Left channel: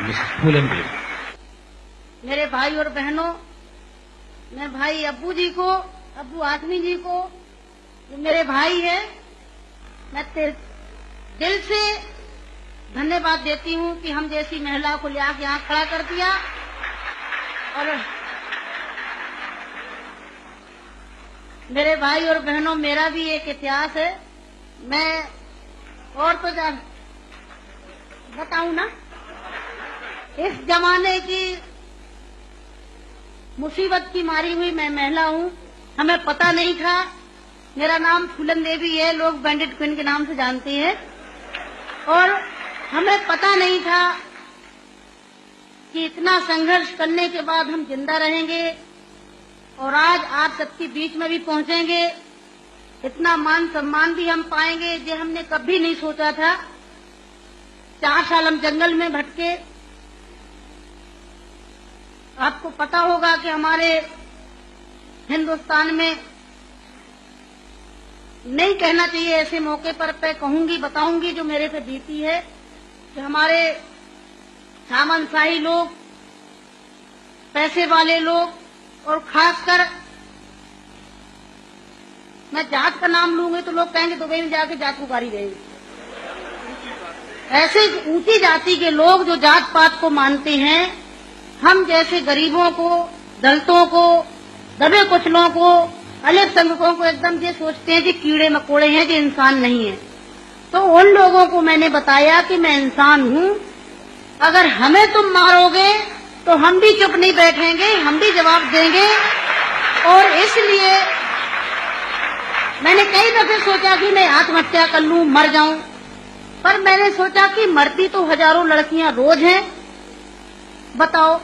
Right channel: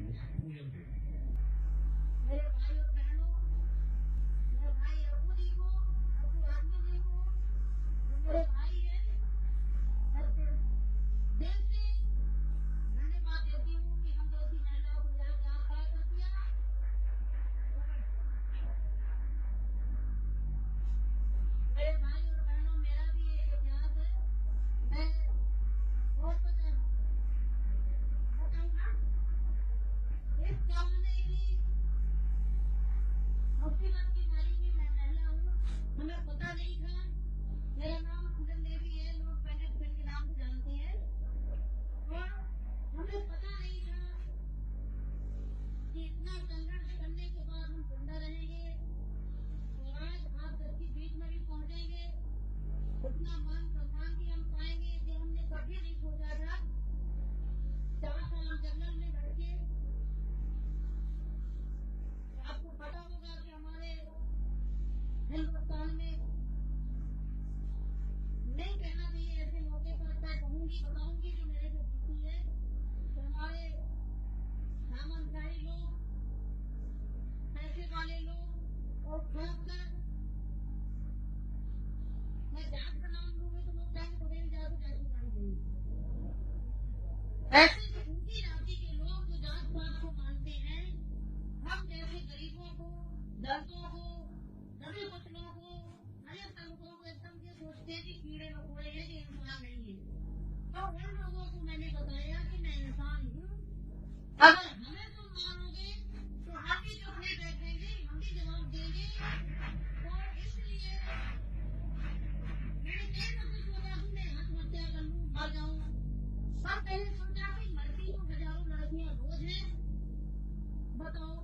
Mrs फूलन देवी। मेरे भाई और बहनों, मैं भाई अब्बू जी को, अब्बू आदमी जी को, जो मेरे भाई है, मैं दिल से धन्यवाद देती हूँ कि हम जैसी महिला को ले आके यहाँ खड़ा कर दिया। और मेरे भाई और बहनों, मेरा भी एक इतिहास है। मैं और तो बताऊं ना, इस जमाने की मुसीबत की मारी हुई मैं महिला हूँ। हमें पता नहीं था, मेरा नाम फूलन देवी है, लोग बैंडेड क्वीन के नाम से जानते हैं। और हमें पता नहीं था कि इतना संघर्ष करने के बाद हम जिंदा रहेंगे और आज आप सबके बीच में भी पहुंचेंगे, इतना मान सम्मान भी हम पाएंगे, ये हमने कभी नहीं सोचा था। 4 साल हम जंगल में भटके। आपको पता होगा कि हमारे हिंदुस्तान में, नहीं कहना चाहिए ऐसे मौके पर, मैं कहूंगी, बताऊंगी जो मेरे पे बीती है, कि हमारे सामंतशाही लोग, पैसे वाले लोग, और खासकर मैं जात का नाम लूंगी तो लोग कहेंगे दुबई में जाके जातूकारी रहेंगे। ऐसे ऊंची जाति के लोग जो जात पात को मानते हैं, हम जैसे गरीबों को, दलितों को, दबे कुचलों को, अल्पसंख्यकों को एकदम ये सोचते हैं कि कीड़े मकोड़े हैं, कि इंसान नहीं है। तो उन लोगों को मैंने बताया कि मैं इंसान हूँ, अगर हमें तुम मारोगे तो हम भी चुप नहीं बैठेंगे, हम भी जवाब देंगे। और इसलिए मैंने कई दफे सोचा कि मैं आत्महत्या कर लूं, मर जाऊं, पर मैंने सोचा कि मरती तो हजारों लड़कियां रोज हैं। बताओ,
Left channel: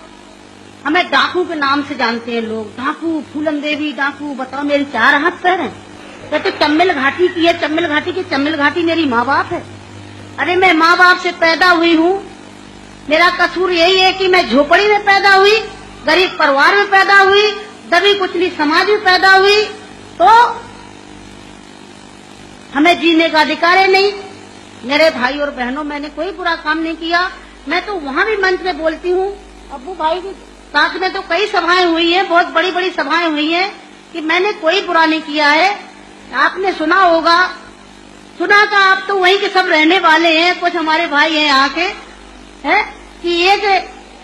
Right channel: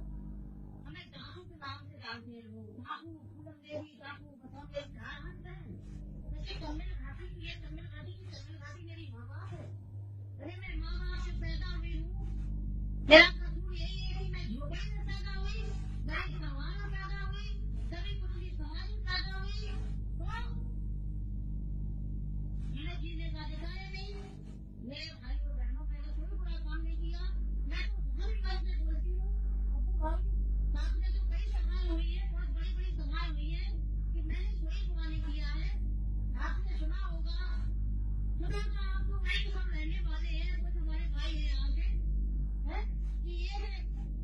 हमें डाकू के नाम से जानते हैं लोग, डाकू, फूलन देवी डाकू। बताओ, मेरी 4 हाथ पैर हैं। कहते चम्बल घाटी की है, चम्बल घाटी की, चम्बल घाटी मेरी माँ बाप है। अरे मैं माँ बाप से पैदा हुई हूँ, मेरा कसूर यही है कि मैं झोपड़ी में पैदा हुई, गरीब परिवार में पैदा हुई, दबी कुचली समाज में पैदा हुई, तो हमें जीने का अधिकार है नहीं। मेरे भाई और बहनों, मैंने कोई बुरा काम नहीं किया। मैं तो वहाँ भी मंच में बोलती हूँ, अब्बू भाई के साथ में तो कई सभाएं हुई हैं, बहुत बड़ी बड़ी सभाएं हुई हैं, कि मैंने कोई बुरा नहीं किया है। आपने सुना होगा, सुना था, आप तो वहीं के सब रहने वाले हैं, कुछ हमारे भाई हैं यहाँ के, है कि ये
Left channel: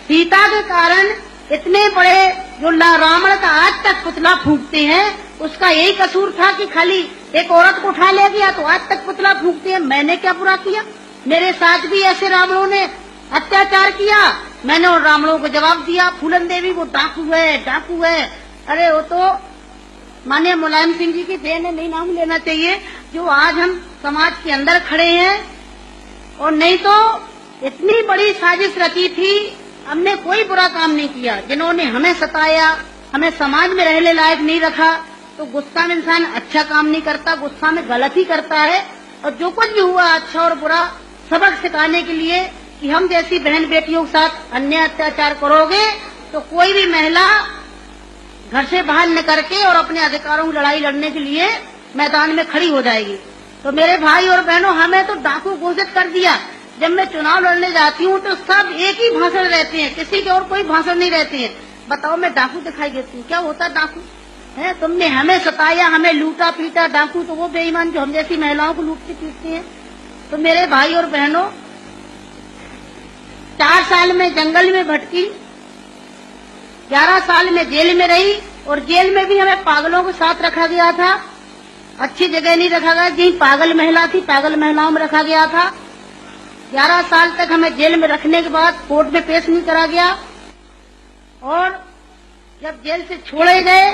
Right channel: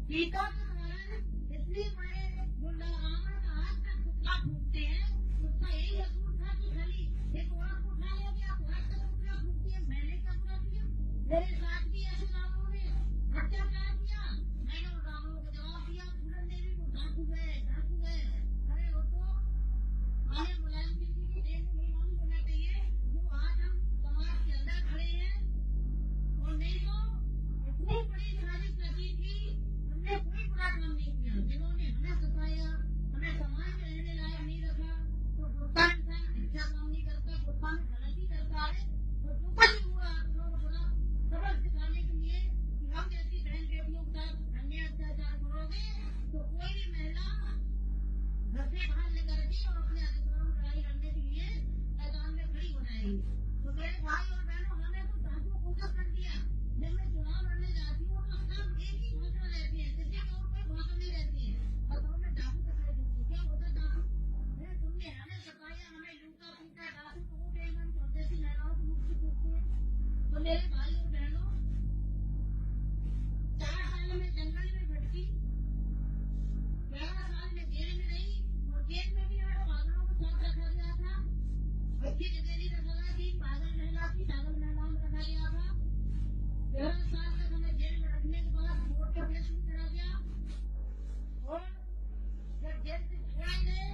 सीता के कारण इतने बड़े जो रावण का आज तक पुतला फूंकते हैं, उसका यही कसूर था कि खाली एक औरत को उठा ले गया तो आज तक पुतला फूंकते हैं। मैंने क्या बुरा किया? मेरे साथ भी ऐसे रावणों ने अत्याचार किया, मैंने उन रावणों को जवाब दिया। फूलन देवी वो डाकू है, डाकू है। अरे वो तो माननीय मुलायम सिंह जी की देन है, नहीं नाम लेना चाहिए, जो आज हम समाज के अंदर खड़े हैं। और नहीं तो इतनी बड़ी साजिश रची थी, हमने कोई बुरा काम नहीं किया। जिन्होंने हमें सताया, हमें समाज में रहने लायक नहीं रखा, तो गुस्सा में इंसान अच्छा काम नहीं करता, गुस्सा में गलत ही करता है। और जो कुछ भी हुआ, अच्छा और बुरा सबक सिखाने के लिए, कि हम जैसी बहन बेटियों के साथ अन्याय अत्याचार करोगे तो कोई भी महिला घर से बाहर न करके और अपने अधिकारों की लड़ाई लड़ने के लिए मैदान में खड़ी हो जाएगी। तो मेरे भाई और बहनों, हमें तो डाकू घोषित कर दिया। जब मैं चुनाव लड़ने जाती हूँ तो सब एक ही भाषण रहते हैं, किसी के और कोई भाषण नहीं रहते हैं। बताओ, मैं डाकू दिखाई देती हूँ? क्या होता डाकू है? तुमने हमें सताया, हमें लूटा पीटा। डाकू तो वो बेईमान जो हम जैसी महिलाओं को लूटते पीटते हैं। तो मेरे भाई और बहनों, 4 साल में जंगल में भटकी, 11 साल में जेल में रही, और जेल में भी हमें पागलों के साथ रखा गया था। अच्छी जगह नहीं रखा गया, जहाँ पागल महिला थी, पागल महिलाओं में रखा गया था। 11 साल तक हमें जेल में रखने के बाद कोर्ट में पेश नहीं करा गया। और जब जेल से छोड़े गए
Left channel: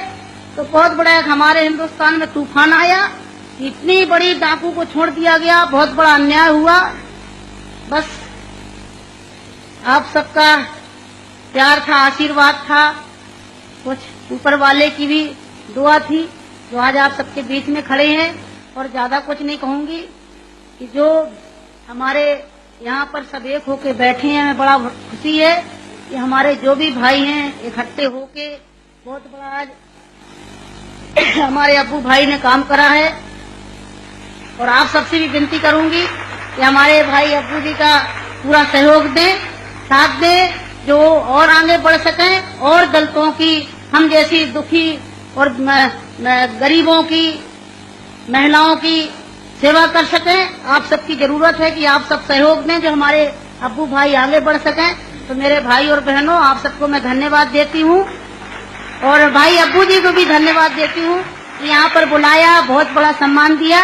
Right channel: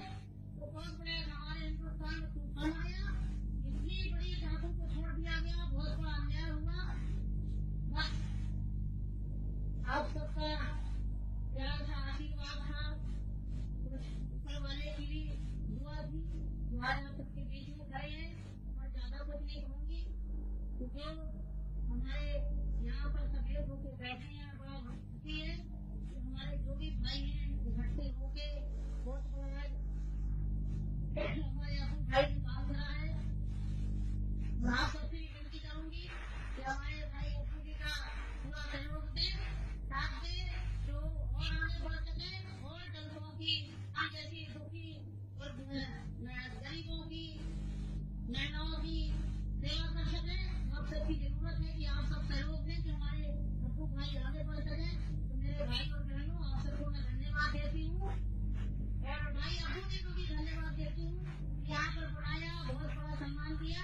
तो बहुत बड़ा हमारे हिंदुस्तान में तूफान आया। इतनी बड़ी डाकू को छोड़ दिया गया, बहुत बड़ा अन्याय हुआ। बस आप सबका प्यार था, आशीर्वाद था, कुछ ऊपर वाले की भी दुआ थी, जो आज आप सबके बीच में खड़े हैं। और ज्यादा कुछ नहीं कहूंगी, कि जो हमारे यहाँ पर सब एक होके बैठे हैं, हमें बड़ा खुशी है कि हमारे जो भी भाई हैं इकट्ठे होके बहुत बड़ा आज हमारे अब्बू भाई ने काम करा है। और आप सबसे भी विनती करूंगी कि हमारे भाई अब्बू जी का पूरा सहयोग दें। साथ में जो और आगे बढ़ सकें और दलितों की, हम जैसी दुखी और गरीबों की, महिलाओं की सेवा कर सकें। आप सबकी जरूरत है कि आप सब सहयोग दें, जो हमारे अब्बू भाई आगे बढ़ सकें। तो मेरे भाई और बहनों, आप सबको मैं धन्यवाद देती हूँ और भाई अब्बू जी को भी धन्यवाद देती हूँ। यहाँ पर बुलाया, बहुत बड़ा सम्मान दिया।